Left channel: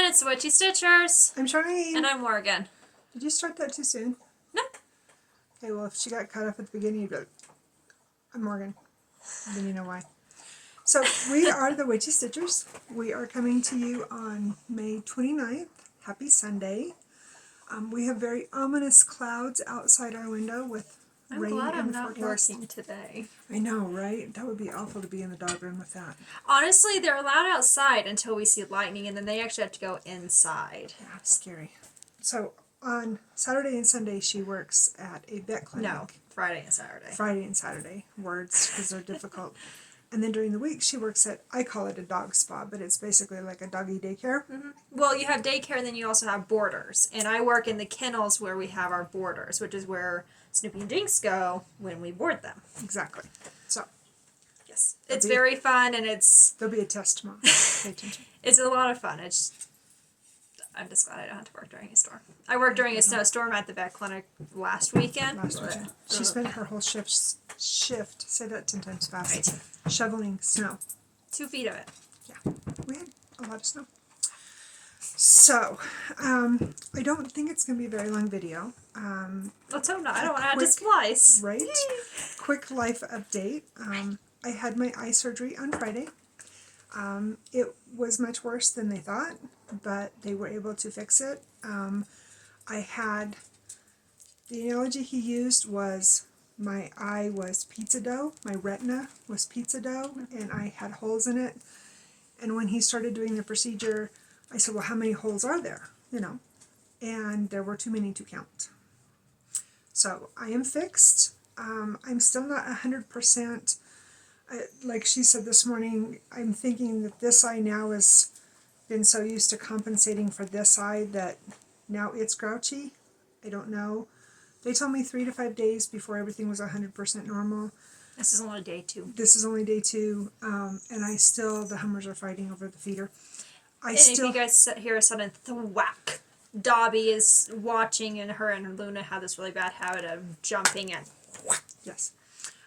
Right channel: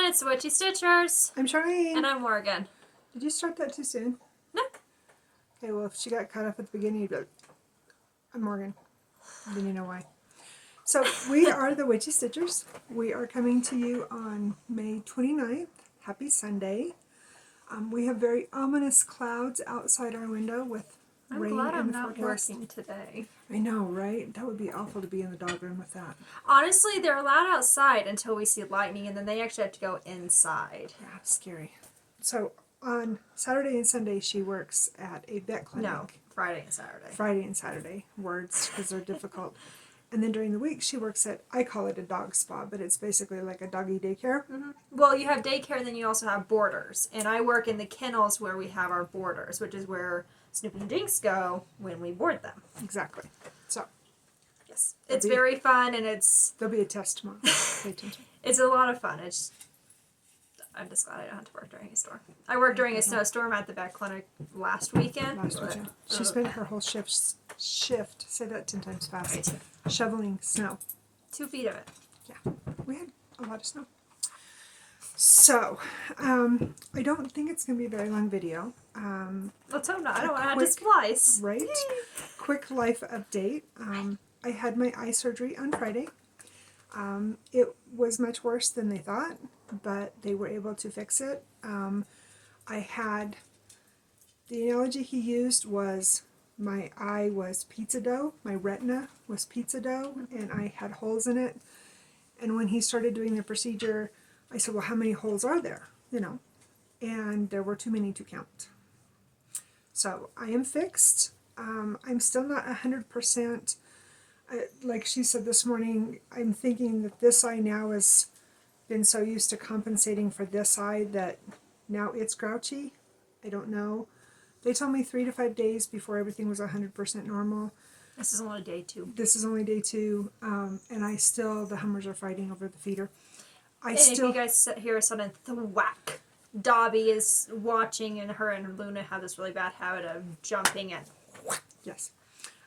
everyone, it's the Witchy Stitchers. I'm Charlene. And I'm Morgan. Did you start that too soon? No. Okay, well, if she got cut off at the beginning, you'd be like, I'm Morgan. Then you know why. So, we are the Witchy Stitchers. We are coming to you on May 29th. Happy Sunday. We have very ominous clouds outside our window with rain glad in I'm the not forecast. working today. I know, right? That would be awful to be in the dog room with that. Honestly, they're allowed outside until we see lightning, and then they actually have to go inside. Yeah, it's scary. So, on Saturday and Sunday, she works at a vet clinic. No, Friday and Saturday. Friday and Saturday, words, because they're difficult. And then during the week, she works at, I call it a dog spa, but it's basically like a doggy daycare. Mm-hmm. Well, you have daycare, and then you also have boarders. And I work in the kennels where we have our boarders, which is where Snoopy and Dinks go when we board them. Exactly. So. Yes. It's very fun, and it's... There'll be a test tomorrow. Pay attention. It's a lot of fun. I'm just glad I don't have to work during a storm. I worked during a snowstorm at the vet clinic last weekend. She spent her whole shift, say that 10 times fast, right. Shoveling snow. 2 feet of it. Yeah, we had a lot of snow. So, I don't think it's going to be a very long video. Let's hope not. I don't want to add to splice. Right? Quick life update. I had my eye surgery on Friday. It was much worse than they thought, but they were able to fix it. I had, the analogy he used was my eye was pizza dough, my retina was pizza dough, and I had holes in it. And when he started doing the procedure, I said, well, how many holes are there? You know, and there were too many to count. So I am fixed. I'm still not 100%. Like she said this morning, I'm thinking that this eye now has been so used to compensating for this eye that now it's grouchy. I don't know. They told me 3 to 5 days before everything was 100% normal. This is only day 2. This is only day 2, and I still, the Hummers are fighting over the feeder. If you guys hear a sudden thwack, Dobby is watching, and her and Luna have this really bad habit of jumping and whack. Yes.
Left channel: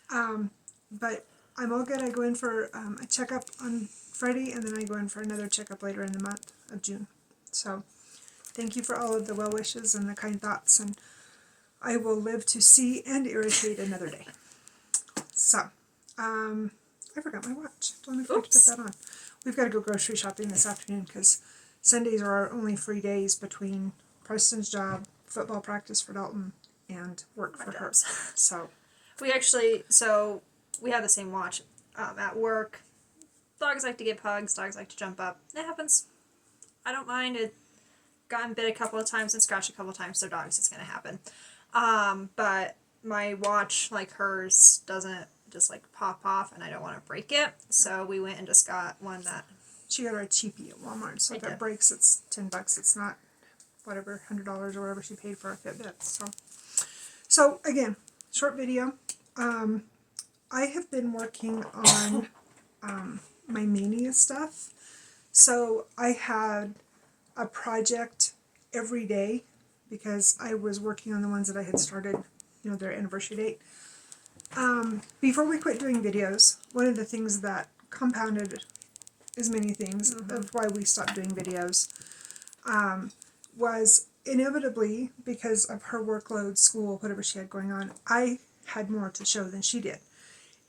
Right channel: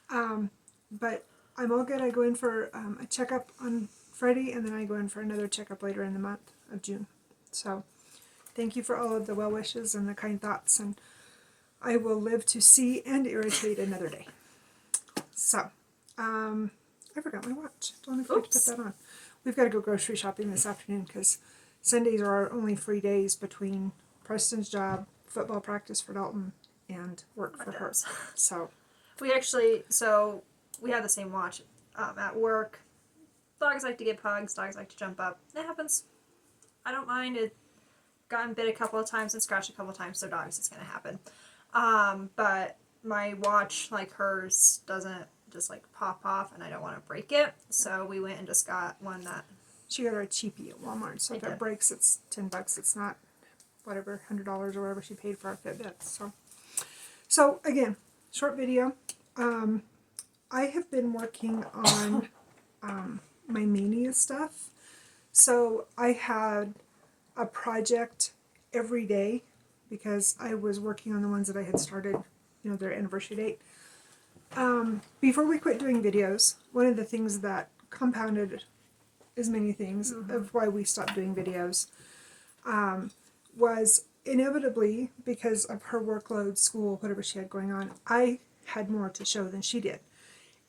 But I'm all good. I go in for a checkup on Friday, and then I go in for another checkup later in the month of June. So, thank you for all of the well wishes and the kind thoughts, and I will live to see and irritate another day. So, I forgot my watch. Don't forget to put that on. We've got to go grocery shopping this afternoon because Sundays are our only free days between Preston's job, football practice for Dalton, and work for her. So, we have the same watch at work. Dogs like to get pugs. Dogs like to jump up. It happens. I don't mind. It gotten bit a couple of times and scratched a couple of times, so dogs, it's going to happen. But my watch, like hers, doesn't just like pop off, and I don't want to break it. So we went and just got one that... She got her a cheapie at Walmart, so if it breaks, it's $10. It's not whatever, $100 or whatever she paid for a Fitbit. So again, short video. I have been working on my mania stuff. So I had a project every day because I was working on the ones that I had started, their anniversary date. Before we quit doing videos, one of the things that compounded as many things of why we stopped doing videos was inevitably, because of her workload, school, whatever she had going on, I had more to show than she did.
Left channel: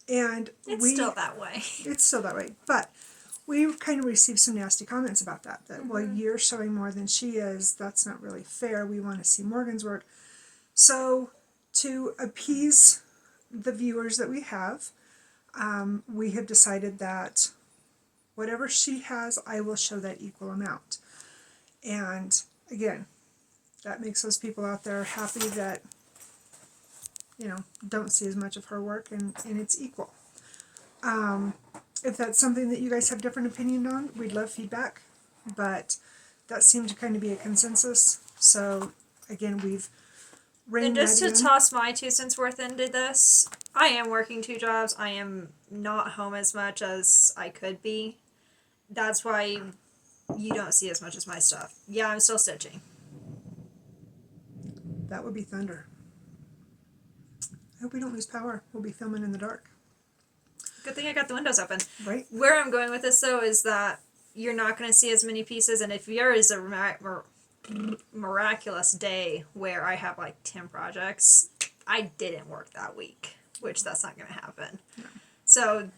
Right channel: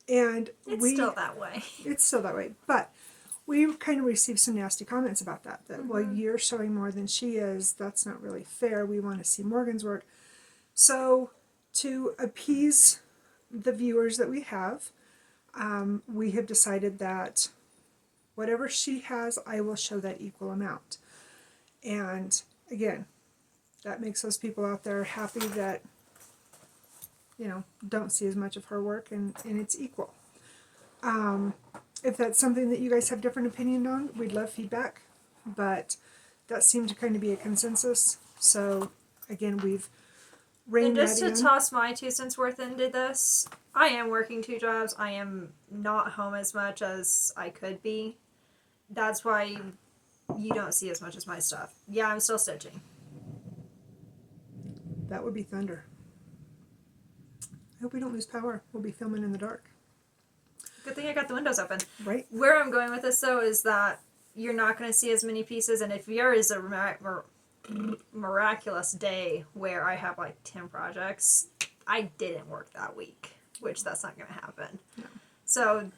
And it's still that way. It's still that way. But we kind of received some nasty comments about that. Well, you're showing more than she is. That's not really fair. We want to see Morgan's work. So to appease the viewers that we have decided that whatever she has, I will show that equal amount. And again, that makes those people out there happy that don't see as much of her work, and it's equal. If that's something that you guys have different opinion on, we'd love feedback, but that seemed to kind of be a consensus. So again, we've reined that in. And just to toss my 2 cents worth into this, I am working 2 jobs. I am not home as much as I could be. That's why you don't see as much as my stuff. Yeah, I'm still stitching. That would be thunder. I hope we don't lose power. We'll be filming in the dark. Good thing I got the windows open. Right. Where I'm going with this, though, is that you're not going to see as many pieces, and if there is a miraculous day where I have like 10 projects, I didn't work that week, which that's not going to happen. No. So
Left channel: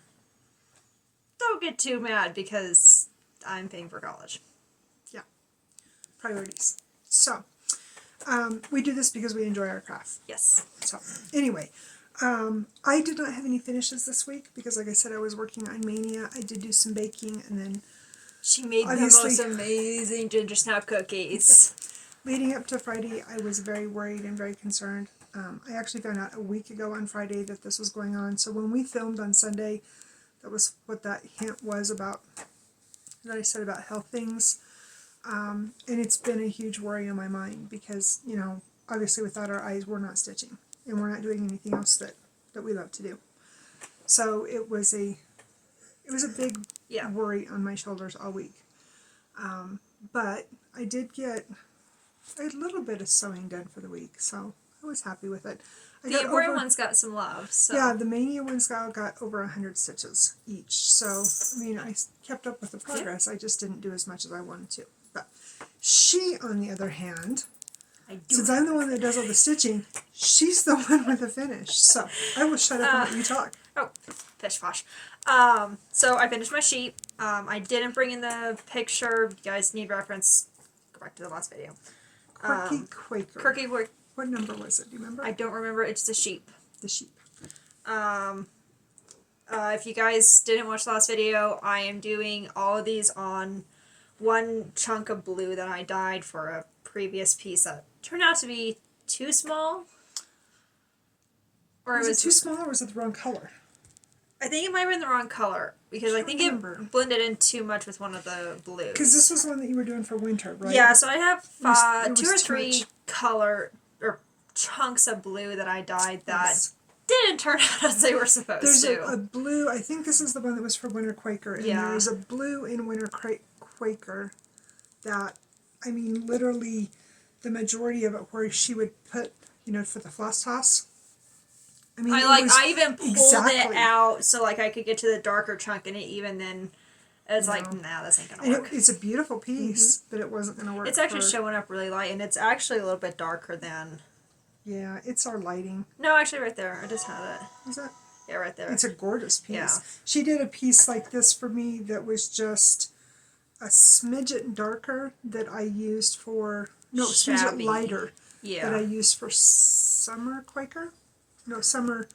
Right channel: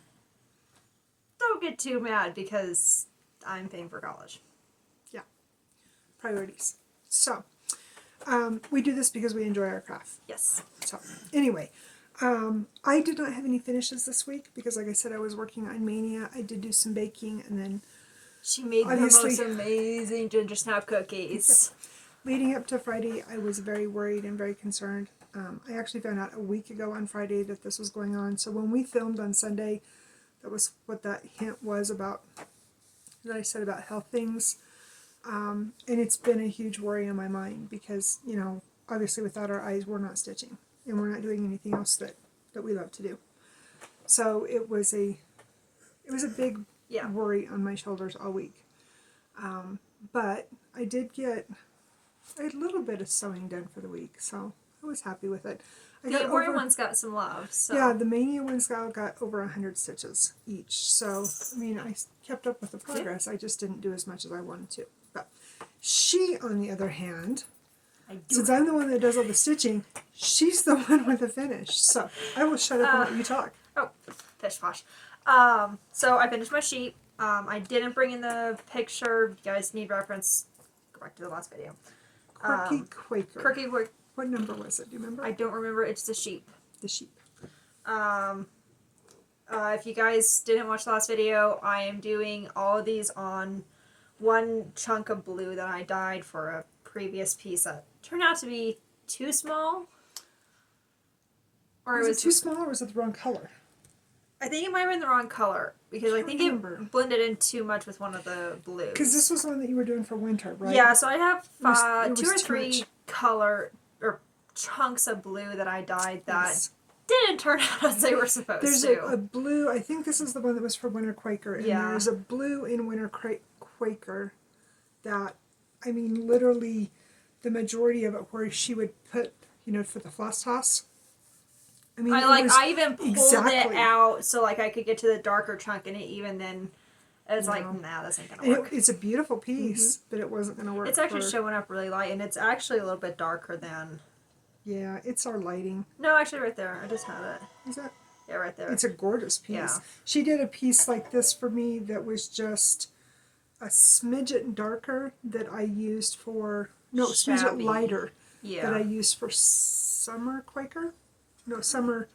don't get too mad because I'm paying for college. Yeah. Priorities. So, we do this because we enjoy our craft. Yes. So, anyway, I did not have any finishes this week because, like I said, I was working on Mania. I did do some baking, and then She made the obviously most amazing ginger snap cookies. leading up to Friday, I was very worried and very concerned. I actually found out a week ago on Friday that this was going on. So when we filmed on Sunday, that was what that hint was about, that I said about health things. And it's been a huge worry on my mind because, you know, obviously without our eyes, we're not stitching. And we're not doing anything else that we love to do. So it was a big worry on my shoulders all week. But I did get a little bit of sewing done for the week, so I was happy with it. The Embroidery ones got some love. So. Yeah, the Mania ones got over 100 stitches each. So, I mean, I kept up with the progress. I just didn't do as much as I wanted to. But she, on the other hand, since I'm the one that does all the stitching, she's the one with the finish. So, I will shut up and let you talk. Oh, pish posh. So I finished my sheet. I didn't bring in the picture. You guys need reference. Go back to the last video. Quirky Quaker. Quirky Quaker. What number was it? Do you remember? I don't remember. It's the sheep. The sheep. If you guys didn't watch the last video, I am doing all of these on one chunk of blue that I dyed for a previous piece that turned out to be too small. Or Was it too small or was it the wrong color? I think it might have been the wrong color because I think it blended in too much with one of the blues. Because this was the one that you were doing for winter, right? Yeah, so I have it was two or three color or chunks of blue that I dyed that didn't turn out as they were supposed There's to. a blue, I think this is the one that was for Winter Quaker, and there's a blue in Winter Quaker that, I mean, literally the majority of it where she would put, you know, for the floss toss. I mean, I even pulled it out so like I could get to the darker chunk, and it even then it's like, nah, this ain't gonna work. It's a beautiful piece, but it wasn't gonna work. It's actually showing up really light, and it's actually a little bit darker than. Yeah, it's our lighting. No, actually, right there. I just had it. Is that? Yeah, right there. It's a gorgeous piece. Yeah. She did a piece like this for me that was just a smidget darker that I used for smidget lighter. Yeah. That I used for Summer Quaker. No, Shabby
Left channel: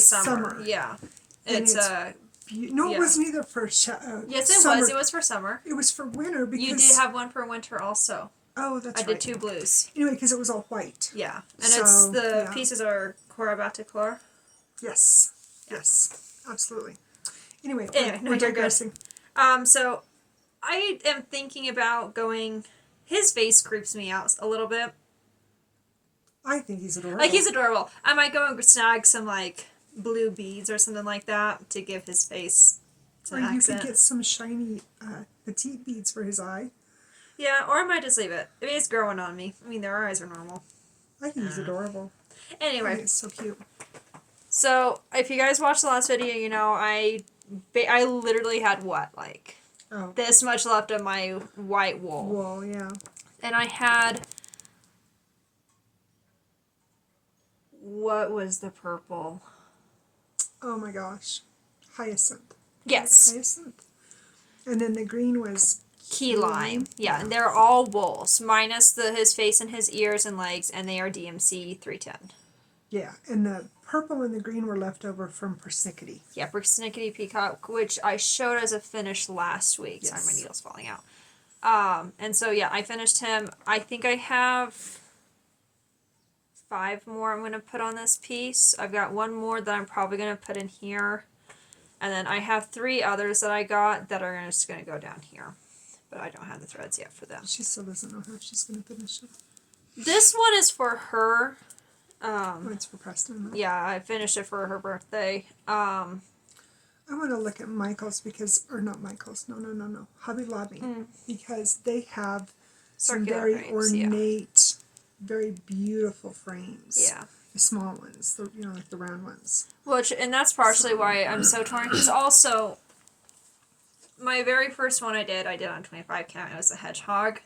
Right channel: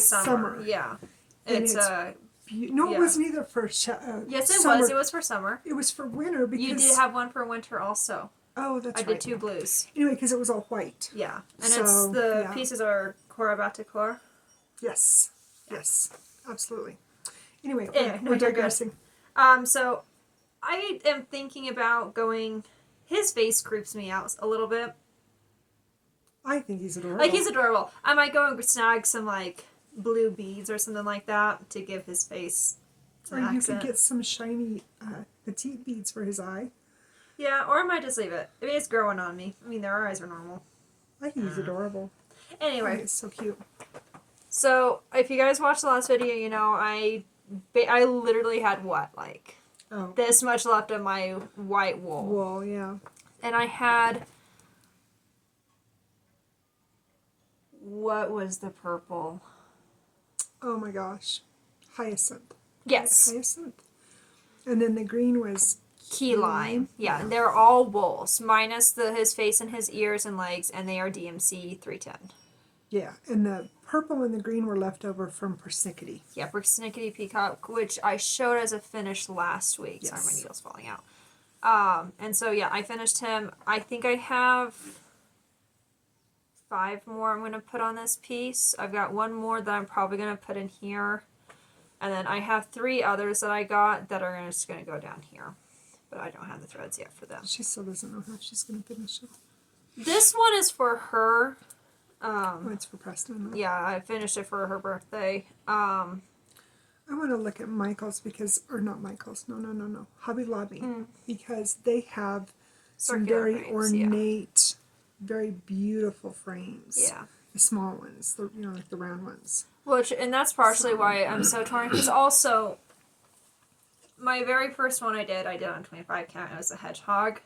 Summer. Yeah. And It's it wasn't either for yes, it summer. was. It was for summer. It was for winter because You did have one for winter also. Oh, that's right. I did two blues. Anyway, because it was all white. Yeah, and it's the pieces are Cora Batikor. Yes. Yeah. Yes. Absolutely. Anyway, we're we're digressing. So I am thinking about going. His face creeps me out a little bit. I think he's adorable. Like, he's adorable. I might go and snag some, like, blue beads or something like that to give his face some accent. You could get some shiny petite beads for his eye. Yeah, or I might just leave it. I mean, it's growing on me. I mean, their eyes are normal. I think he's adorable. Anyway. It's so cute. So, if you guys watched the last video, you know, I literally had this much left of my white wool. Wool, yeah. And I had... What was the purple? Oh my gosh. Hyacinth. Yes. Hyacinth. And then the green was key lime. Yeah, and they're all wools, minus his face and his ears and legs, and they are DMC 310. Yeah, and the purple and the green were left over from Persnickety. Yeah, Persnickety Peacock, which I showed as a finish last week. Yes. Sorry, my needle's falling out. And so, yeah, I finished him. I think I have 5 more I'm going to put on this piece. I've got 1 more that I'm probably going to put in here. And then I have 3 others that I got that are just going to go down here. But I don't have the threads yet for them. She still doesn't know how she's going to finish it. This one is for her. It's for Preston. Though. Yeah, I finished it for her birthday. I want to look at Michael's because, or not Michael's, no. Hobby Lobby. Because they have some Circular very frames, ornate, very beautiful frames. Yeah. The small ones, like the round ones. And that's partially why I'm so torn. Because also, my very first one I did on 25 count. It was a hedgehog.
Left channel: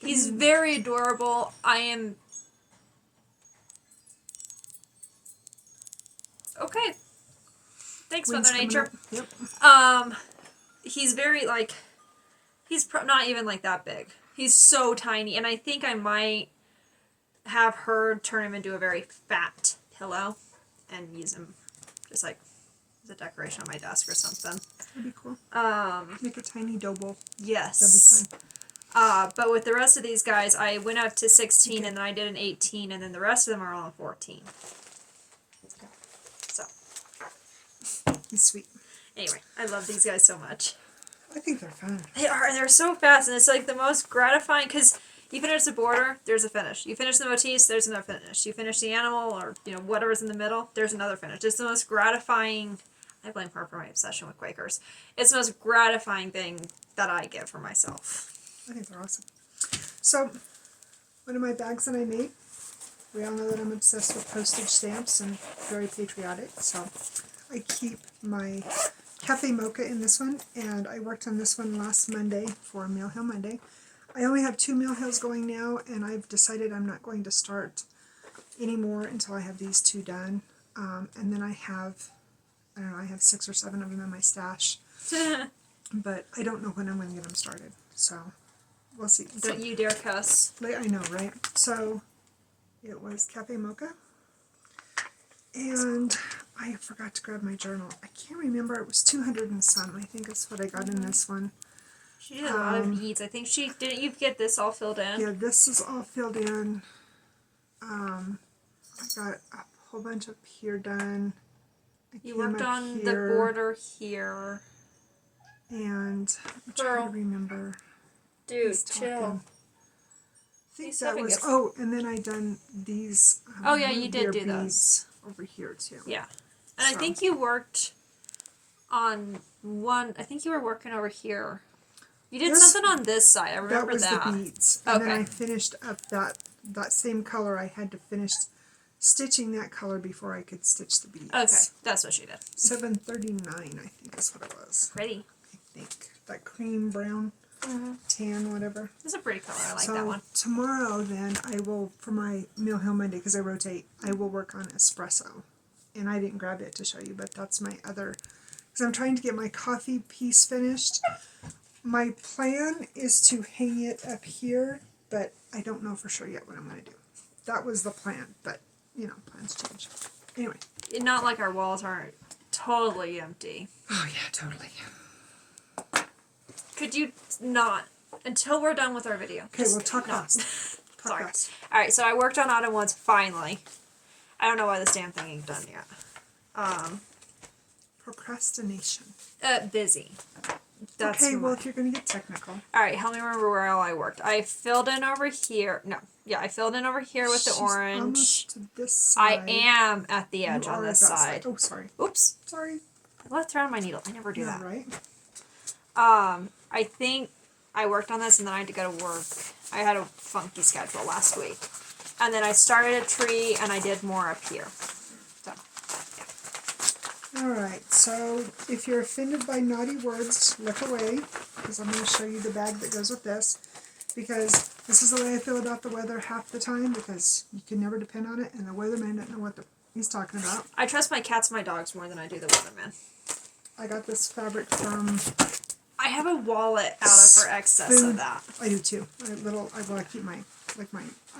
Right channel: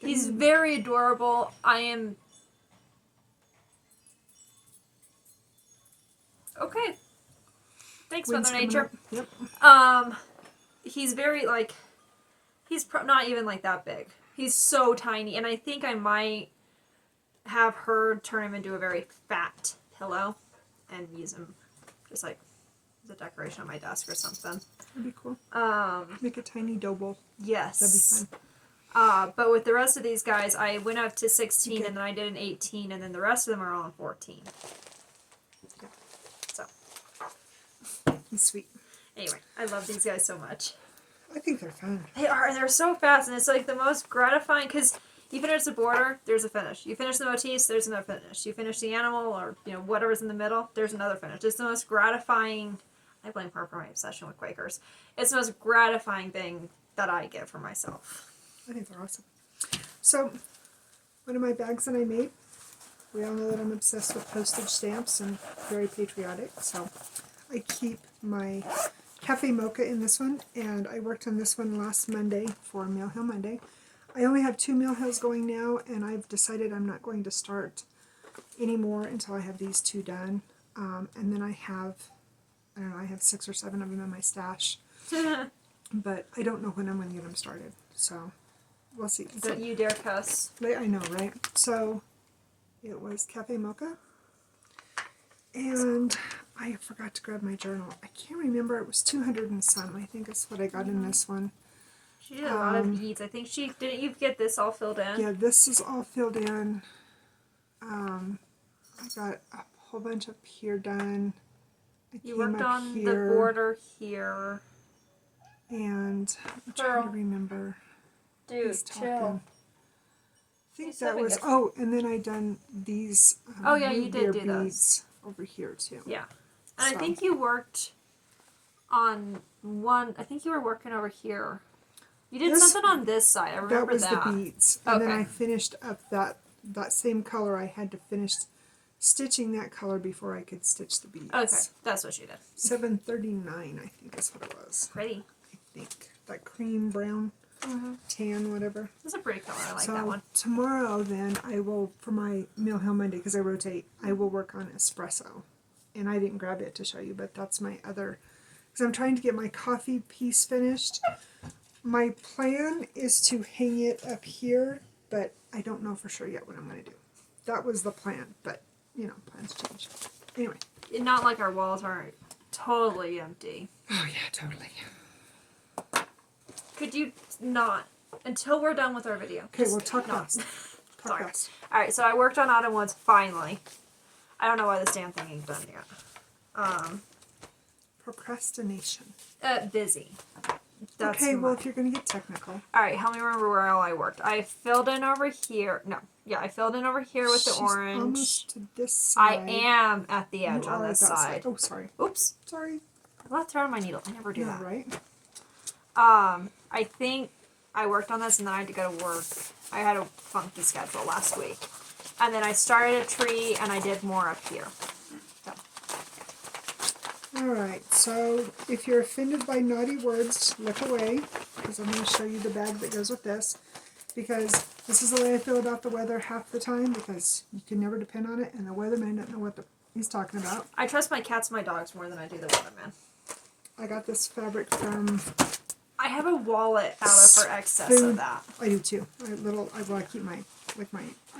He's very adorable. I am... Okay. Thanks, Wind's Mother coming Nature. up. Yep. He's very, like... He's not even, like, that big. He's so tiny. And I think I might have her turn him into a very fat pillow and use him just, like, as a decoration on my desk or something. That'd be cool. Make a tiny dough bowl. Yes. That'd be fun. But with the rest of these guys, I went up to 16 and then I did an 18 and then the rest of them are all in 14. So. He's sweet. Anyway, I love these guys so much. I think they're fun. They are, and they're so fast, and it's like the most gratifying, because you finish the border, there's a finish. You finish the motifs, there's another finish. You finish the animal, or, you know, whatever's in the middle, there's another finish. It's the most gratifying, I blame her for my obsession with Quakers. It's the most gratifying thing that I get for myself. I think they're awesome. So, one of my bags that I made, we all know that I'm obsessed with postage stamps and very patriotic, so I keep my Cafe Mocha in this one, and I worked on this one last Monday for Mail Hill Monday. I only have 2 Mail Hills going now, and I've decided I'm not going to start anymore until I have these 2 done. And then I have 6 or 7 of them in my stash. But I don't know when I'm going to get them started, so we'll see. Don't you dare cuss. I know, right? So it was Cafe Mocha, and I forgot to grab my journal. I can't remember. It was 200 and some. I think is what I got in this one. She did a lot of beads. I think didn't you get this all filled in? Yeah, this is all filled in. I got a whole bunch up here done. You worked on the border here. And I'm trying to remember. Dude, chill. I think that was... Oh, and then I done these... oh, yeah, you did do those. Over here, too. Yeah. And I think you worked on one... I think you were working over here. You did something on this side. I remember that. That was the beads. And then I finished up that same color. I had to finish stitching that color before I could stitch the beads. Okay, that's what she did. $7.39, I think is what it was. Pretty. I think. That cream, brown, tan, whatever. It's a pretty color. I like that one. Tomorrow, then, I will, for my Mail Hill Monday, because I rotate, I will work on espresso. And I didn't grab it to show you, but that's my other... Because I'm trying to get my coffee piece finished. My plan is to hang it up here, but I don't know for sure yet what I'm going to do. That was the plan, but, you know, plans change. Anyway. Not like our walls aren't totally empty. Oh, yeah, totally. Could you not? Until we're done with our video. Okay, we'll talk fast. Sorry. Alright, so I worked on Autumn Woods finally. I don't know why this damn thing ain't done yet. Procrastination. Busy. That's okay, well, if you're going to get technical. Alright, help me remember where all I worked. I filled in over here. No. Yeah, I filled in over here with the orange. Almost to this side. I am at the edge on this side. Oh, sorry. Oops. Sorry. I left her on my needle. I never do that. Right. I think I worked on this and then I had to go to work. I had a funky schedule last week. And then I started a tree and I did more up here. So, yeah. Alright, so if you're offended by naughty words, look away, because I'm going to show you the bag that goes with this. Because this is the way I feel about the weather half the time, because you can never depend on it, and the weatherman doesn't know what he's talking about. I trust my cats and my dogs more than I do the weatherman. I got this fabric from... I have a wallet out of her excess of that. I do too. I keep my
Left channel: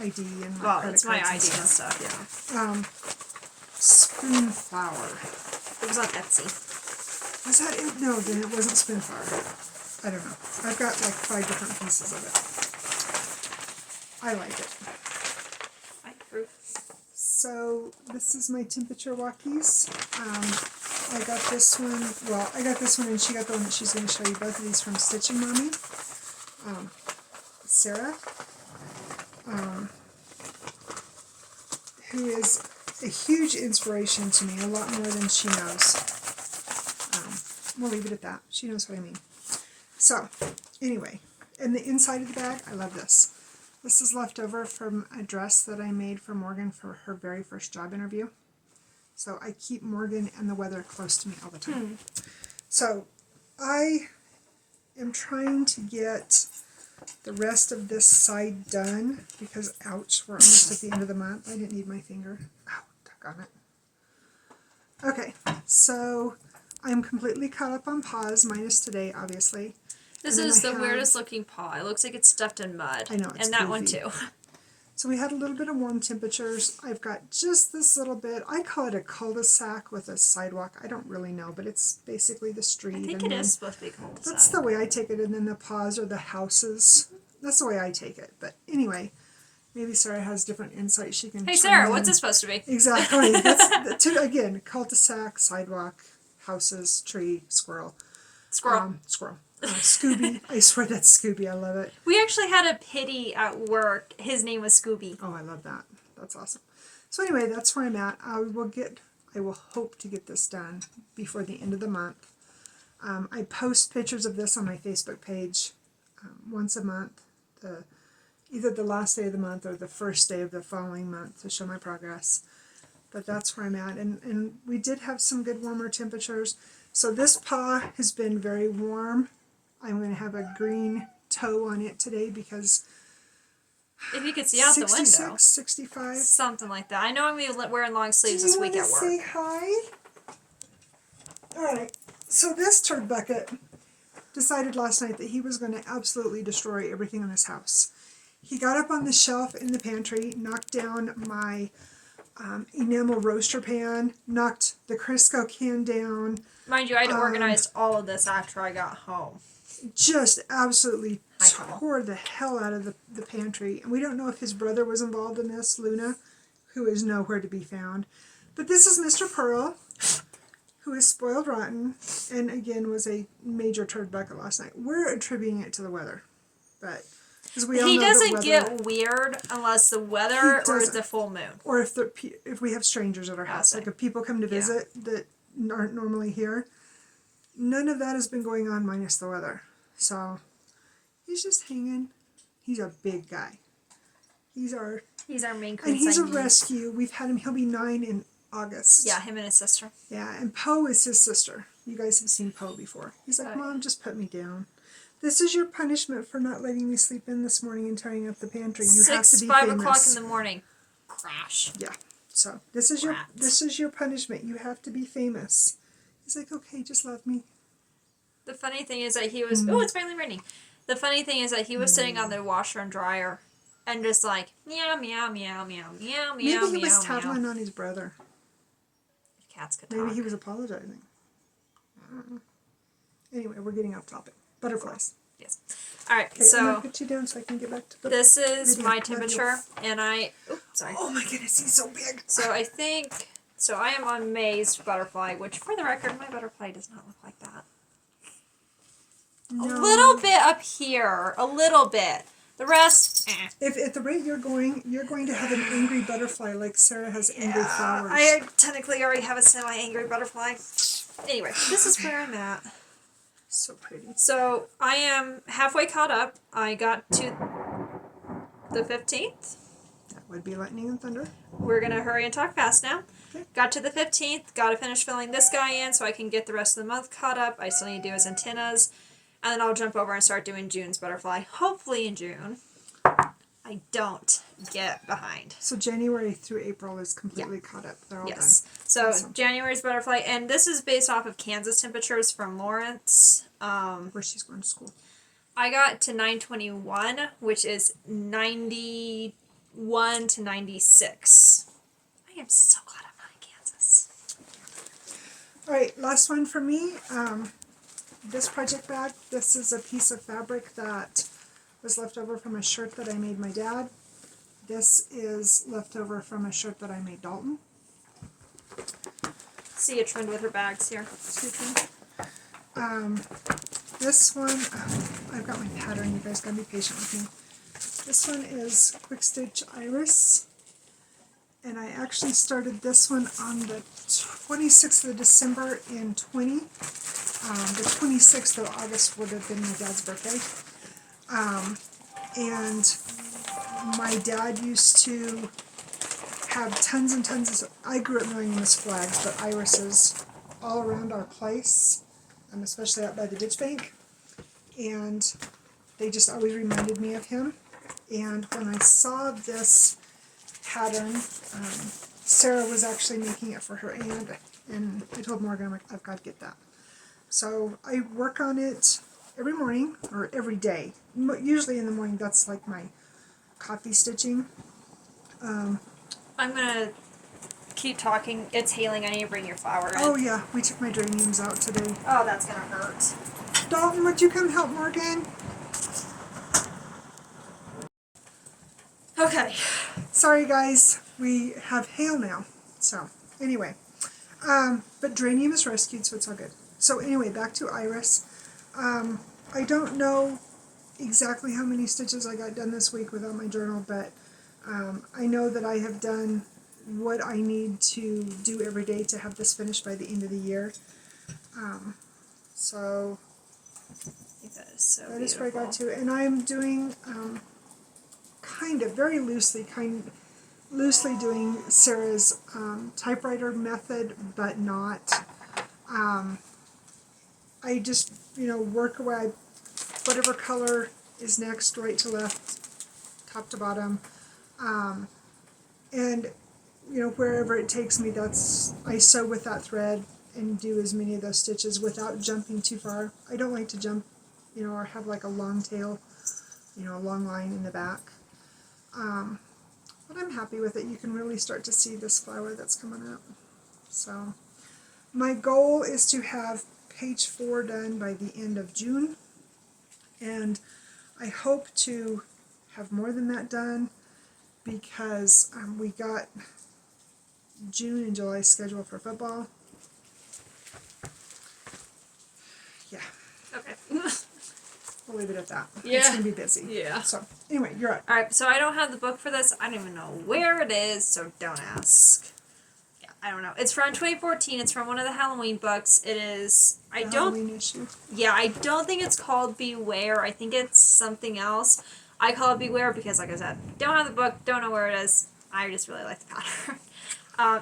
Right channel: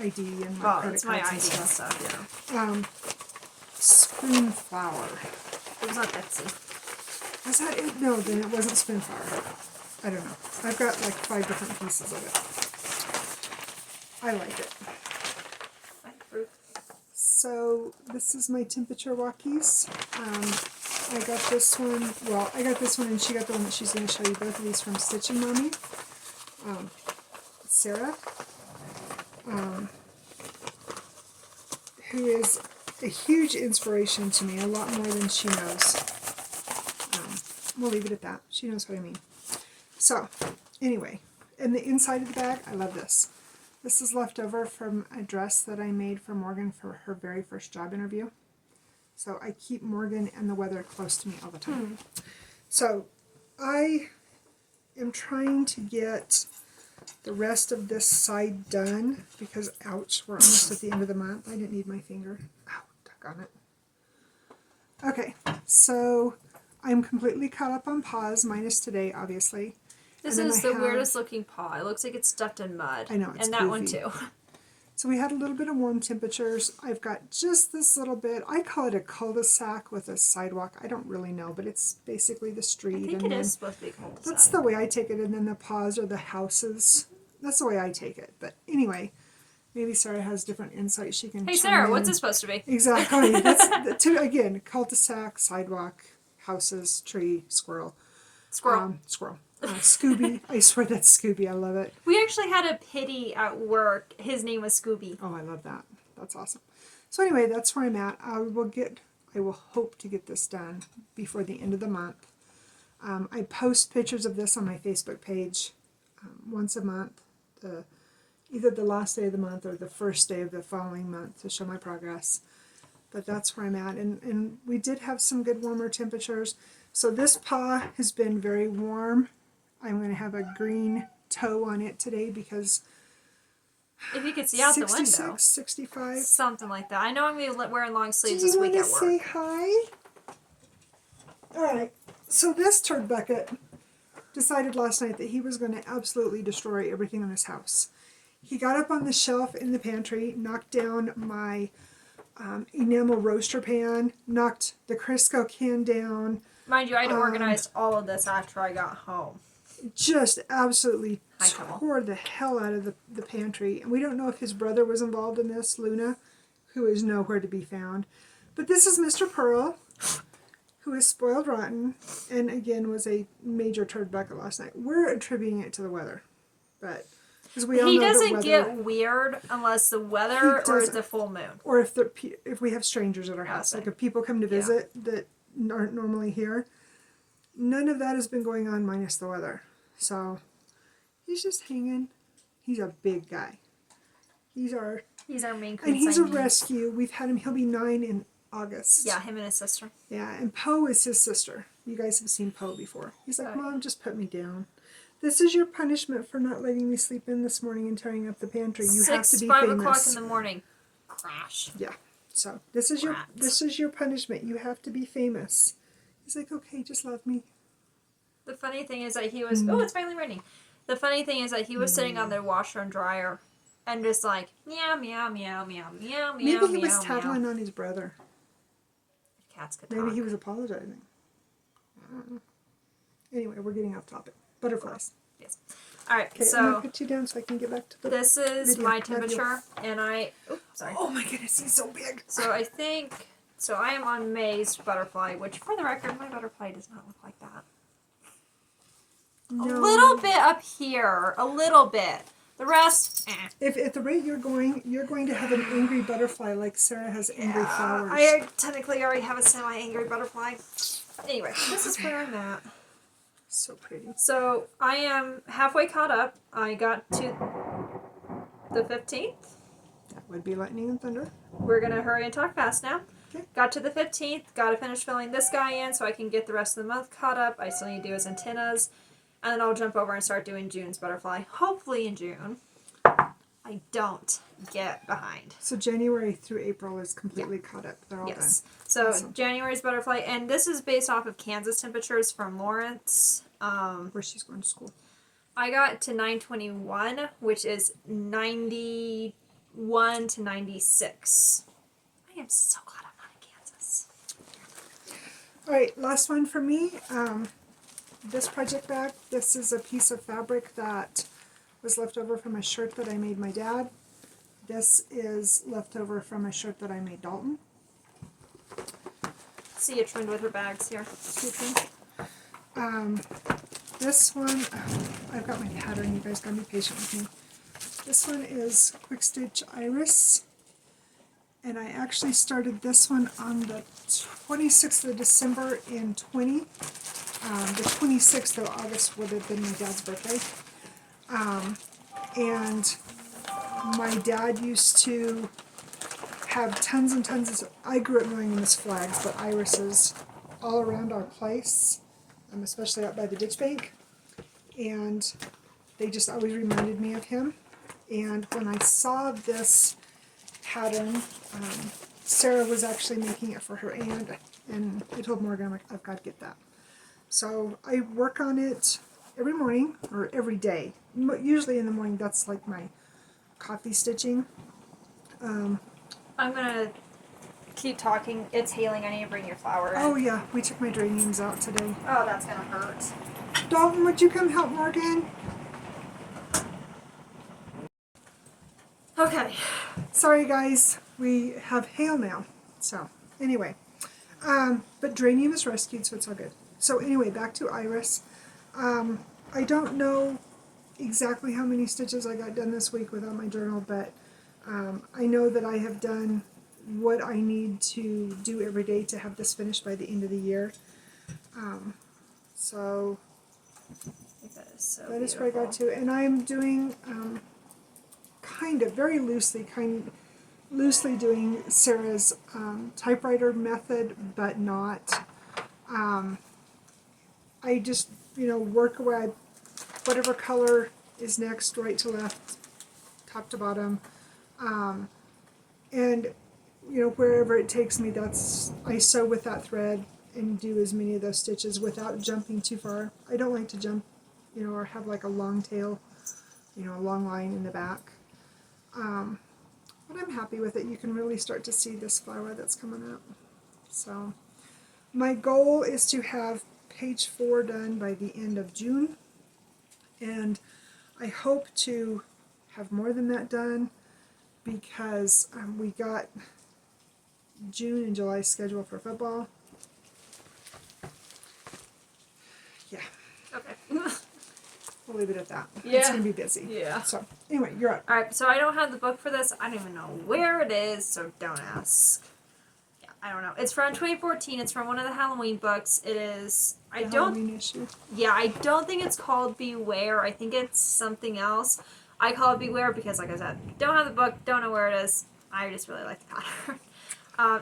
ID and my credit it's my ID cards and stuff, yeah. Spoon flour. It was on Etsy. Was that it? No, then it wasn't spoon flour. I don't know. I've got like 5 different pieces of it. I like it. So this is my temperature walkies. I got this one, and she got the one that she's going to show you, both of these from Stitching Mommy. Sarah, who is a huge inspiration to me, a lot more than she knows. We'll leave it at that. She knows what I mean. So, anyway, and the inside of the bag, I love this. This is left over from a dress that I made for Morgan for her very first job interview. So I keep Morgan and the weather close to me all the time. So I am trying to get the rest of this side done because, ouch, we're almost at the end of the month. I didn't need my finger. Ow, stuck on it. Okay, so I'm completely caught up on paws, minus today, obviously. This is the weirdest looking paw. It looks like it's stuffed in mud. I know, it's and that one goofy. too. So we had a little bit of warm temperatures. I've got just this little bit. I call it a cul-de-sac with a sidewalk. I don't really know, but it's basically the street. I think and it then, is supposed to be cul-de-sac. that's the way I take it, and then the paws are the houses. That's the way I take it. But anyway, maybe Sarah has different insight. She can. Hey chime Sarah, in. what's it supposed to be? Exactly. That's again, cul-de-sac, sidewalk, houses, tree, squirrel. Squirrel. Squirrel. Scooby. I swear that's Scooby. I love it. We actually had a pitty at work. His name was Scooby. Oh, I love that. That's awesome. So anyway, that's where I'm at. I will hope to get this done before the end of the month. I post pictures of this on my Facebook page once a month, either the last day of the month or the first day of the following month to show my progress. But that's where I'm at. And we did have some good warmer temperatures. So this paw has been very warm. I'm going to have a green toe on it today because If you could see out the window. 66, 65. Something like that. I know I'm going to be wearing long sleeves Do you this week want at to work. say hi? Alright, so this turd bucket decided last night that he was going to absolutely destroy everything in this house. He got up on the shelf in the pantry, knocked down my enamel roaster pan, knocked the Crisco can down, Mind you, I had organized all of this after I got home. just absolutely Hi, Cobble. tore the hell out of the pantry. And we don't know if his brother was involved in this, Luna, who is nowhere to be found. But this is Mr. Pearl, who is spoiled rotten, and again was a major turd bucket last night. We're attributing it to the weather, but because we all He know doesn't the weather, get weird unless the weather or doesn't. the full moon. or if we have strangers at our house, Okay. like if people come to Yeah. visit that aren't normally here. None of that has been going on minus the weather. So he's just hanging. He's a big guy. He's our main and he's a consignee. rescue. We've had him. He'll be 9 in August. Yeah, him and his sister. Yeah, and Poe is his sister. You guys have seen Poe before. He's like, Right. Mom, just put me down. This is your punishment for not letting me sleep in this morning and tearing up the pantry. You have to be 5 famous. o'clock in the morning. Crash. Yeah. So this is your punishment. You have to be famous. He's like, okay, just love me. The funny thing is that he was... Oh, it's finally raining. The funny thing is that he was sitting on the washer and dryer and just like, meow, meow, meow, meow, meow, meow, Maybe he meow, was meow. tattling on his brother. Cats could talk. Maybe he was apologizing. I don't know. Anyway, we're getting off topic. Butterflies. Yes. Alright, Okay, I'm gonna so put you down so I can get back to the. this is video. my temperature, and I... Oops, sorry. Oh my goodness, he's so big. So I think... So I am on May's butterfly, which for the record, my butterfly does not look like that. No. A little bit up here. A little bit. The rest, eh. If at the rate you're going to have an angry butterfly like Sarah has angry flowers. I technically already have a semi-angry butterfly. Anyway, this is where I'm at. So pretty. So I am halfway caught up. I got to the 15th. That would be lightning and thunder. We're going to hurry and talk fast now. Okay. Got to the 15th. Got to finish filling this guy in so I can get the rest of the month caught up. I still need to do his antennas. And then I'll jump over and start doing June's butterfly. Hopefully in June. I don't get behind. So January through April is completely caught up. They're all Yes. So Awesome. January's butterfly, and this is based off of Kansas temperatures from Lawrence. done. Where she's going to school. I got to 921, which is 91 to 96. I am so glad I'm not in Kansas. All right, last one for me. This project bag. This is a piece of fabric that was left over from a shirt that I made my dad. This is left over from a shirt that I made Dalton. See a trend with her bags here. This one, I've got my pattern. You guys gotta be patient with me. This one is Quick Stitch Iris. And I actually started this one on the 26th of December in 20. The 26th of August would have been my dad's birthday. And my dad used to have tons and tons of, I grew up knowing them as flags, but irises all around our place. especially out by the ditch bank. And they just always reminded me of him. And when I saw this pattern, Sarah was actually making it for her aunt, and I told Morgan, I'm like, I've got to get that. So I work on it every morning, or every day. Usually in the morning, that's like my coffee stitching. I'm gonna keep talking. It's healing. I need to bring your flower in. Oh yeah, we took my geraniums out today. Oh, that's gonna hurt. Dalton, would you come help Morgan? Okay. Sorry guys, we have hail now. So anyway, but geranium is rescued, so it's all good. So anyway, back to Iris. I don't know exactly how many stitches I got done this week without my journal, but I know that I have done what I need to do every day to have this finished by the end of the year. So I think that is so that is where I got to, and I'm doing kind of very loosely doing Sarah's typewriter method, but not. I just work away, whatever color is next, right to left, top to bottom, and wherever it takes me, I sew with that thread and do as many of those stitches without jumping too far. I don't like to jump, or have like a long tail, a long line in the back. But I'm happy with it. You can really start to see this flower that's coming up. So my goal is to have page 4 done by the end of June, and I hope to have more than that done because we got June and July scheduled for football. Yeah. Okay. We'll leave it at that. Yeah. It's going to be busy. Yeah. So, anyway, you're up. Alright, so I don't have the book for this. I don't even know where it is, so don't ask. Yeah, I don't know. It's from 2014. It's from one of the Halloween books. It is... Halloween issue. Yeah, I don't think it's called Beware. I think it's something else. I call it Beware because, like I said, don't have the book, don't know where it is. I just really like the pattern.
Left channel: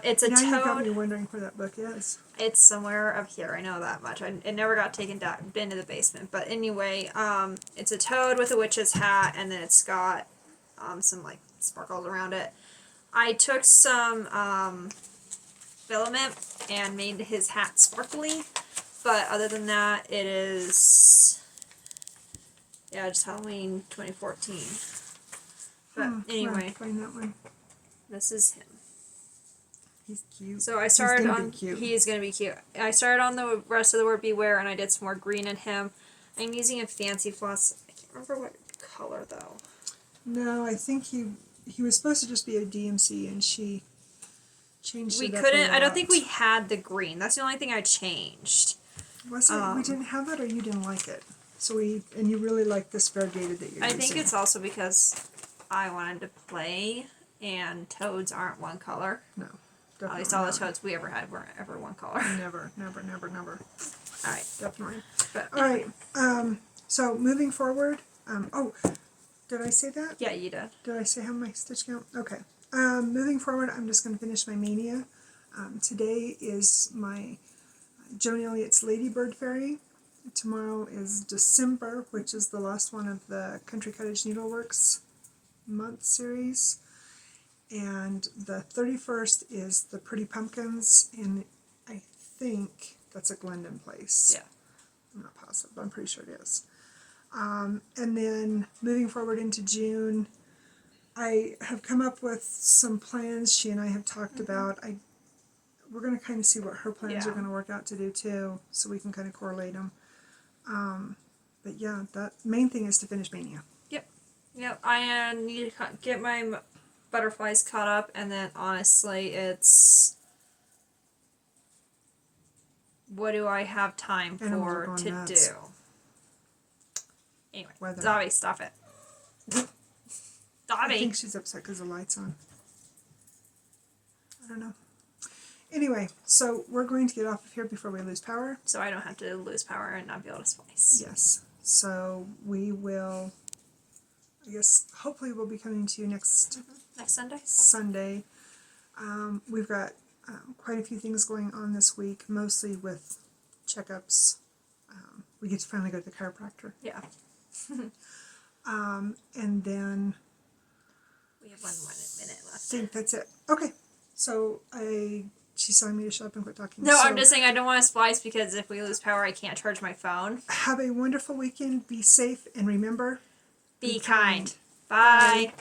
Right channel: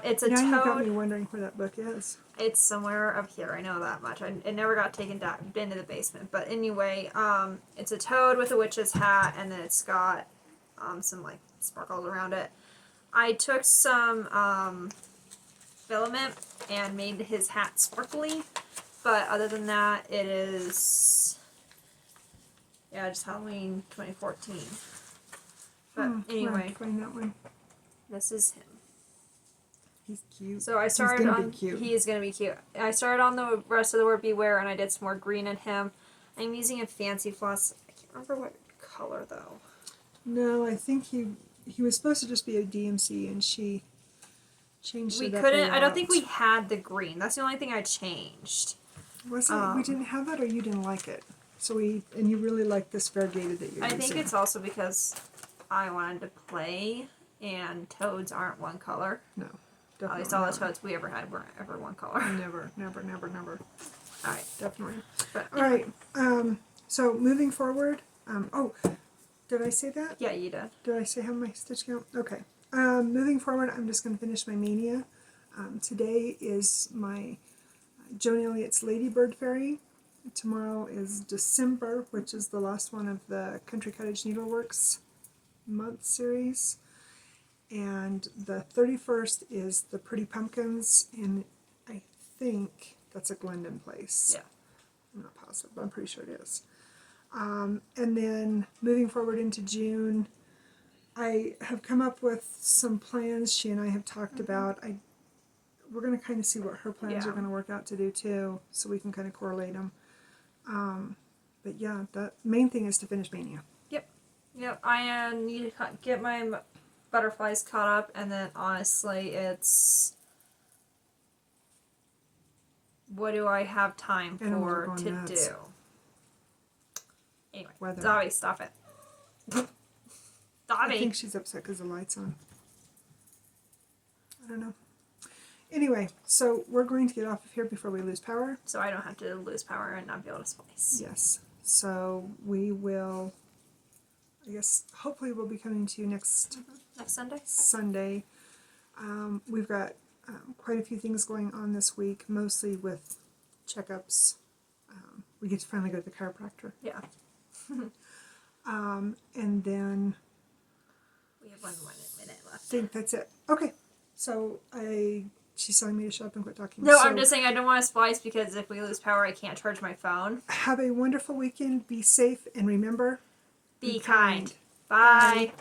It's a now toad. You've got me wondering where that book is. It's somewhere up here. I know that much. It never got taken down, been to the basement. But anyway, it's a toad with a witch's hat, and then it's got some like sparkles around it. I took some filament and made his hat sparkly, but other than that, it is just Halloween 2014. But anyway, Find that one. this is him. He's cute. So I started He's gonna on. be cute. He is gonna be cute. I started on the rest of the word Beware, and I did some more green in him. I'm using a fancy floss. I can't remember what color though. No, I think he was supposed to just be a DMC, and she changed We it up couldn't. a I don't lot. think we had the green. That's the only thing I changed. Was it? We didn't have that, or you didn't like it. So and you really like this variegated that you're I using. think it's also because I wanted to play, and toads aren't one color. No, At definitely least all the not. toads we ever had weren't ever one color. Never. All right. Definitely. But All right. So moving forward. Did I say that? yeah, you did. Did I say how my stitch count? Okay. Moving forward, I'm just going to finish my mania. Today is my Joan Elliott's Ladybird Fairy. Tomorrow is December, which is the last one of the Country Cottage Needleworks month series. And the 31st is the Pretty Pumpkins, and I think that's a Glendon place. Yeah. I'm not positive, but I'm pretty sure it is. And then moving forward into June, I have come up with some plans she and I have talked about. We're going to kind of see what her plans are going to work out to do too, so we can kind of correlate them. But yeah, the main thing is to finish Mania. Yep. I need to get my butterflies caught up, and then honestly, it's what do I have time Animals are for going to nuts. do? Anyway, Weather. Dobby, stop it. I Dobby. think she's upset because the light's on. I don't know. Anyway, so we're going to get off of here before we lose power. So I don't have to lose power and not be able to splice. Yes. So we will, I guess, hopefully we'll be coming to you next Sunday. We've got quite a few things going on this week, mostly with checkups. we get to finally go to the chiropractor. Yeah. And then We have 1 minute I left. think that's it. Okay. So she's telling me to shut up and quit talking. No, So I'm just saying I don't want to splice because if we lose power, I can't charge my phone. have a wonderful weekend. Be safe and remember, Be kind. Bye.